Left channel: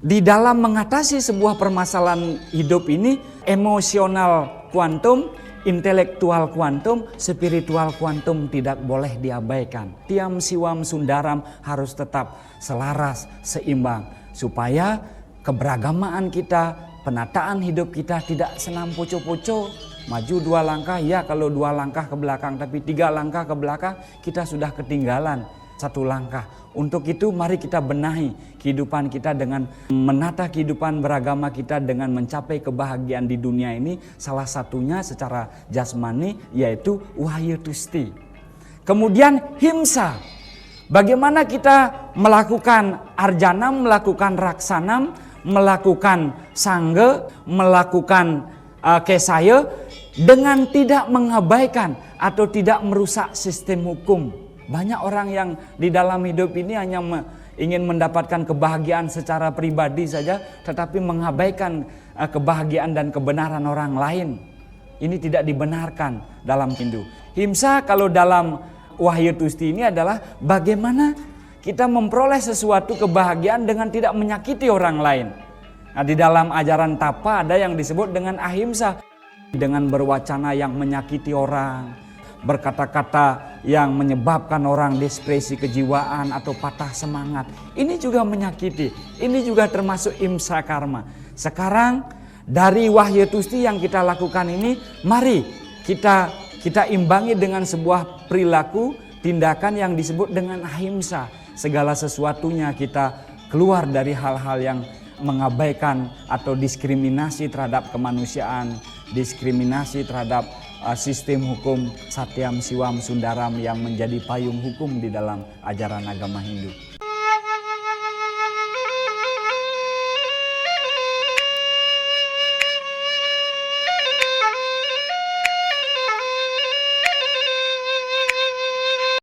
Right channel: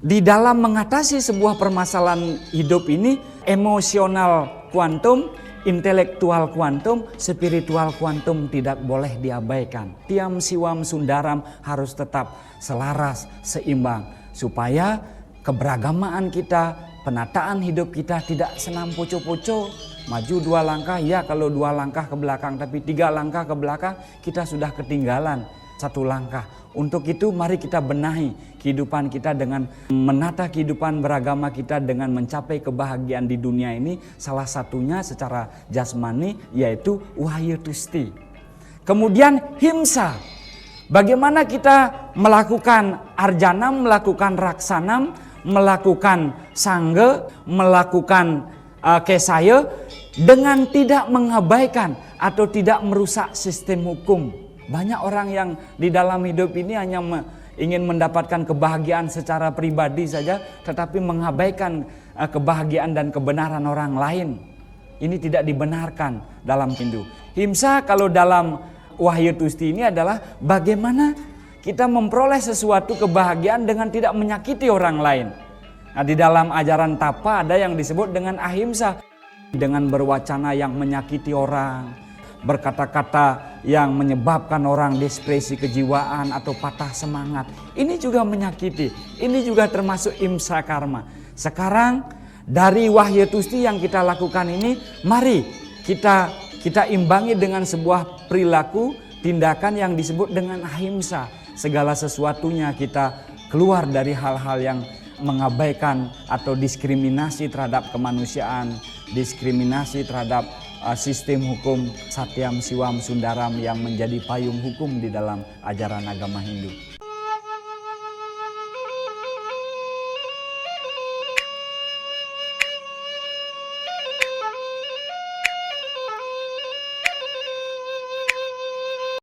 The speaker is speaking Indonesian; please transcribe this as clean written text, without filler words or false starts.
Di dalam mengatasi sebuah permasalahan hidup ini, emosional kuantum, intelektual kuantum, spiritual kuantum tidak boleh diabaikan. Tiam siwam sundaram harus tetap selaras, seimbang. Supaya keberagamaan kita, penataan hidup kita tidak senam pucuk-pucuk. Maju 2 langkah, ya kalau 2 langkah ke belakang. Tapi 3 langkah ke belakang kita sudah ketinggalan 1 langkah. Untuk itu mari kita benahi kehidupan kita dengan menata kehidupan beragama kita dengan mencapai kebahagiaan di dunia ini. Salah satunya secara jasmani yaitu wahyu tusti. Kemudian himsa. Bagaimana kita melakukan arjanam, melakukan raksanam, melakukan sangga, melakukan kesaya dengan tidak mengabaikan atau tidak merusak sistem hukum. Banyak orang yang di dalam hidup ini hanya ingin mendapatkan kebahagiaan secara pribadi saja, tetapi mengabaikan kebahagiaan dan kebenaran orang lain. Ini tidak dibenarkan dalam Hindu. Himsa kalau dalam wahyu tusti ini adalah bagaimana kita memperoleh sesuatu kebahagiaan dengan tidak menyakiti orang lain. Nah, di dalam ajaran tapa ada yang disebut dengan ahimsa. Dengan berwacana yang menyakiti orang, berkata-kata yang menyebabkan orang depresi kejiwaan atau patah semangat. Ini juga menyakiti. Ini juga termasuk himsa karma. Sekarang dari wahyu tusti yang kita lakukan ini, mari kita imbangi dengan sebuah perilaku, tindakan yang disebut dengan ahimsa. Segala sesuatunya kita keluar dari hal-hal yang mengabaikan atau diskriminasi terhadap kemanusiaan, diskriminasi terhadap sistem hukum Satyam Siwam Sundaram yang menjadi payung hukum di dalam ajaran agama Hindu.